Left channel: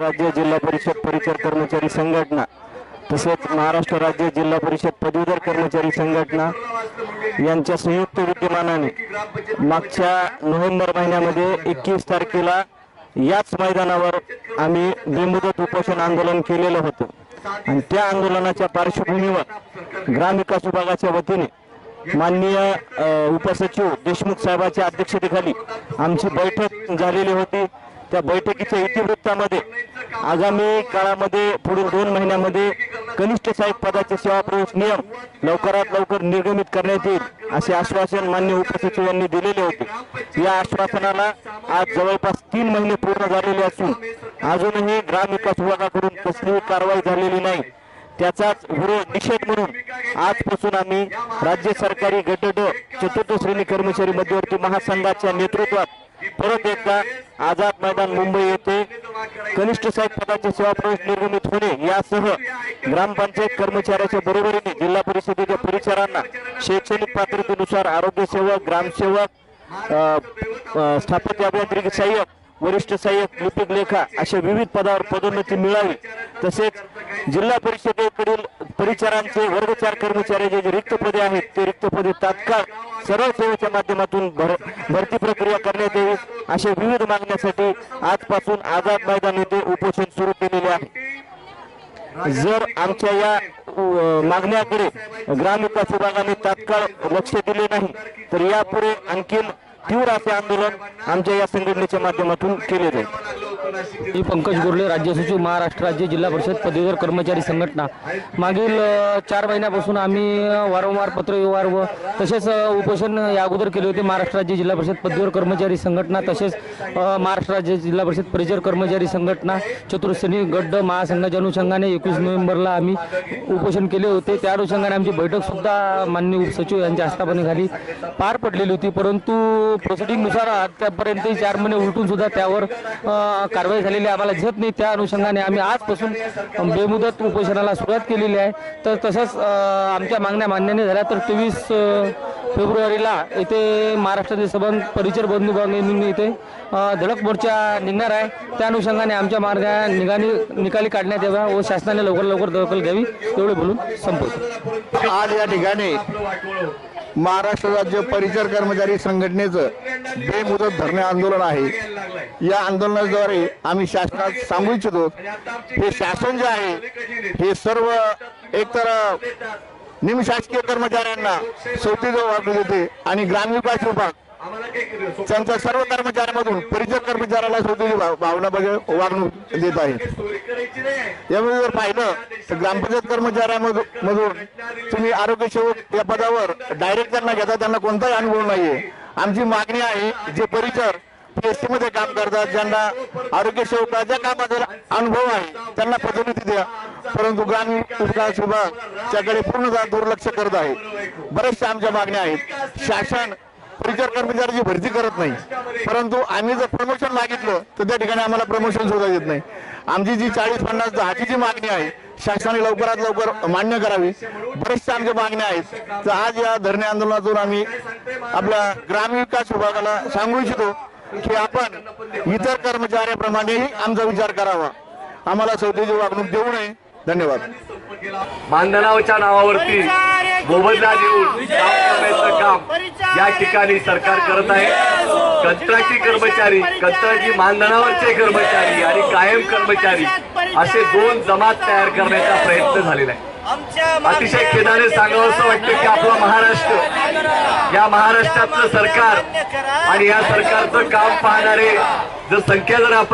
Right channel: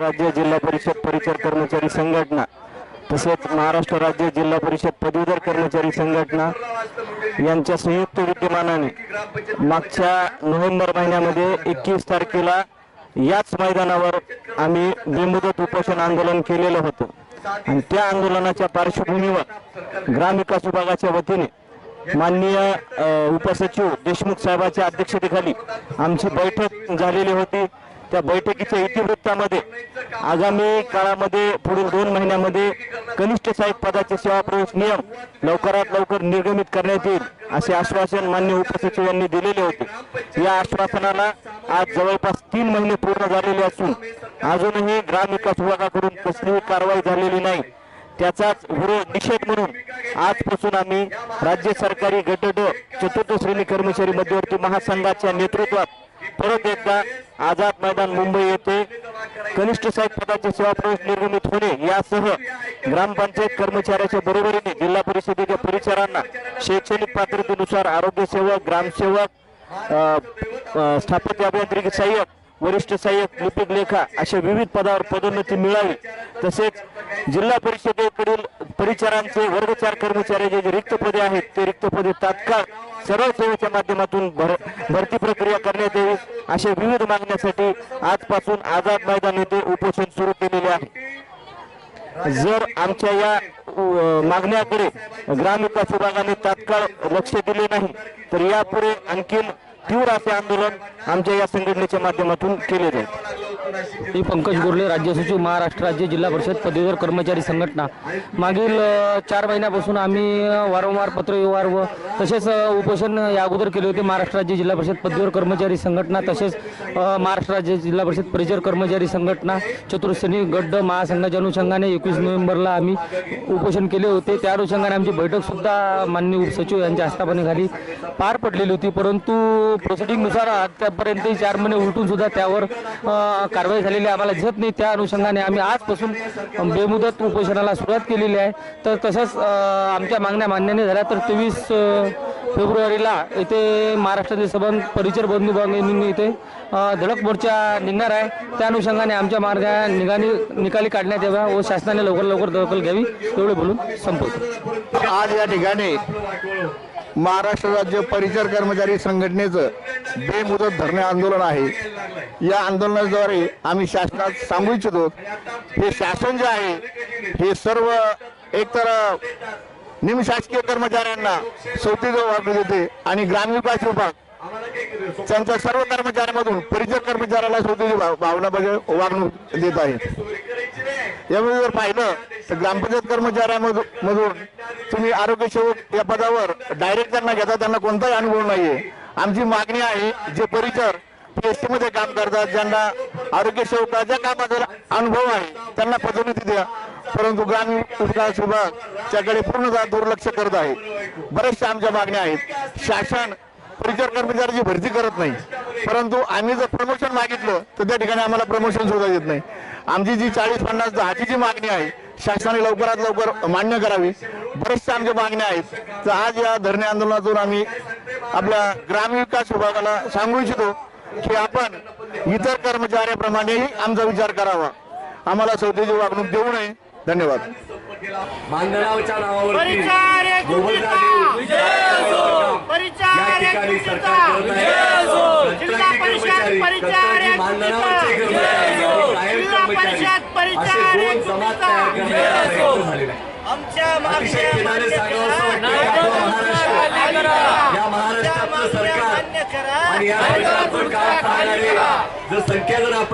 राज्य जिल्हा परिषद परिचर कर्मचारी संघटना तसेच महाराष्ट्र राज्य जिल्हा परिषद पदवीधर कर्मचारी संघटना यांच्या संयुक्त विद्यमानाने मागच्या नोव्हेंबर महिन्यामध्ये एकवीस तारखेला याच मैदानावर आम्ही बेमुदत उपोषण आंदोलन केलेलं होतं. आणि त्या आंदोलनाच्या पार्श्वभूमीवर ग्रामविकास विभागाच्या वतीने माननीय उपसचिव देशमुख साहेबांच्या अध्यक्षतेखाली आमची बैठक झालेली होती. त्या बैठकीच्या इतिवृत्तामध्ये आगामी काळामध्ये पुढील दोन महिन्यामध्ये कनिष्ठ साहेब पदाचे सेवा प्रवेश नियम लवकरात लवकर निर्गमित करण्यात येईल असे आश्वासन मान्य उपसचिवांनी दिलेले होते. या आश्वासनाला आज जवळपास तीन महिने पूर्ण झालेले असून अजूनही ग्रामविकास विभागाकडून कसलीही कारवाई झालेली नाही. त्याचाच विरोध निषेध म्हणून आजपासून आम्ही राज्य सरकारी गट चतुर्थ श्रेणी कर्मचारी मध्यवर्ती महासंघाच्या नेतृत्वात परत एकदा आझाद मैदान मुंबई येथे कनिष्ठ साहेब पदाचे सेवा प्रवेश होणे यासह ग्रामपंचायत कर्मचाऱ्याच्या बरोबरीने जिल्हा परिषदेच्या परिचारांना शैक्षणिक पात्रतेनुसार आरोग्य सेवक ग्रामसेवक स्थापत्य अभियांत्रिकी सहाय्यक वरिष्ठ सहाय्यक लिपिक लेखा अशा विविध पदावर पदोन्नती मिळावी. तसेच जिल्हा परिषदेकडील परिचारांचे वर्ग चार कर्मचाऱ्याचे जे रिक्त पदे आहेत ते रिक्त पदे तात्काळ सरळ सेवेच्या माध्यमातून भर भरती प्रक्रिया करण्यात यावी अशा विविध मागण्यासाठी आजपासून आझाद मैदान येथे उपोषण सुरू केलेले आहे. जर आमच्या या मागण्याकडे ग्रामविकास विभागाने तात्काळ लक्ष दिले नाही तर यापुढे आणखीन तीव्र असे आंदोलन आमच्या या संघटनेच्या माध्यमातून केले जाईल मी पंकज गोरले राज्य सचिव महाराष्ट्र राज्य जिल्हा परिषद पदवीधर कर्मचारी संघटना. मागील चार महिन्यापासून आम्ही वारंवार पत्रव्यवहार व तसेच उपोषण या अगोदर केले होते. महाराष्ट्र राज्य जिल्हा परिषद पदवीधर कर्मचारी संघटना तसेच महाराष्ट्र राज्य जिल्हा परिषद परिचर कर्मचारी संघटना चतुर्श्रेणी गड्ड महासंघाच्या अनुषंगाने एकवीस नोव्हेंबरला आम्ही उपोषण केले होते. त्या अनुषंगाने आमची बैठकसुद्धा माननीय उपसचिव यांच्या आस्थापनेखाली पार पडलेली होती परंतु प्रोसिडिंगनुसार आतापर्यंत चार महिने उलटून सुद्धा त्यावर कारवाई झालेली आम्हाला झेप नाही. त्या अनुषंगाने आम्ही आजपासून बेमुदत उपोषणाला सुरुवात केलेली आहे. तर तसंच आमच्या मागण्या मान्याने झाल्या तर तेवीस फेब्रुवारीला येथे महाराष्ट्राचे सबंध परिचर बंधू बांधणी इथे धडक मोर्चा निघणार आहे. त्या अनुषंगाने आमच्या मार्गा निघाली निकाली काढण्यात याव्या व शासनाने लवकर लवकर दखल घ्यावी. एवढे बोलून संपवतो. आज या ठिकाणी महाराष्ट्र राज्य परिचर कर्मचारी संघटनेचं बेमुदत धरणे आंदोलन आहे. या आंदोलनाद्वारे आम्ही शासनात सांगू इच्छितो हे शासन जे आहे हे सर्व एकतर निमशासकीय कर्मचाऱ्यांना सवतीचं वाटू देते आणि ग्रामविकास विभाग त्यांच्या सर्व कर्मचाऱ्यांमधून परिचय कर्मचाऱ्याला स्वतःची भाव- भावना बघे वागणूक देत आहे. यामध्ये जर पाहिलं तर ग्रामपंचायत कर्मचाऱ्यामधून मधून तुम्ही आरोग्य सेवक या पदावर डायरेक्ट त्यांना घेता त्यांना कोणताही अनुभव नाहीये. आमची मागणी आहे जे परिचर पीएससी मध्ये काम करतात ज्यांना आरोग्य सेवकाच्या कामाचा अनुभव आहे त्यांना पदोन्नती द्या. परंतु ग्रामीण विकास विभाग त्याकडे पूर्णतः दुर्लक्ष करत आहे. बऱ्याचशा आमच्या मागण्या आहेत. शासन परिचार कर्मचाऱ्याची भरती करत नाही. परंतु आम्ही जर प्रमोशन मागितलं तर त्या ठिकाणी आम्हाला प्रमोशन सुद्धा देत नाही. आमची जी चाळीस पन्नास दहाची जी मागणी आहे शासनाने लवकरात लवकर मान्य करावी. बरेचशा आमच्या मागण्या आहेत. तर आज या धरणे आंदोलनातून आम्ही आपल्या ग्रामविकास विभागाला सांगू इच्छितो की आपण इतर कर्मचाऱ्याप्रमाणेही आमचा विचार करावा. आम्हाला सौदेची वागणूक देऊ नये. धन्यवाद. मानधनावच्या नावावरती मोबदला देऊन काम या ठिकाणी सरकार करत आहे. कंत्राटी कर्मचारी कंत्राटी मानधनावरचे कर्मचारी आणि कायम कर्मचारी असे दोन जमात तयार करण्याचा प्रयत्न झालेला आहे. अतिशय खेदाने सांगावं असं वाटतं की आपला महाराष्ट्र या महाराष्ट्रातलं सरकार आणि या सरकारचं काम पाहणारे जर संख्या जर आपण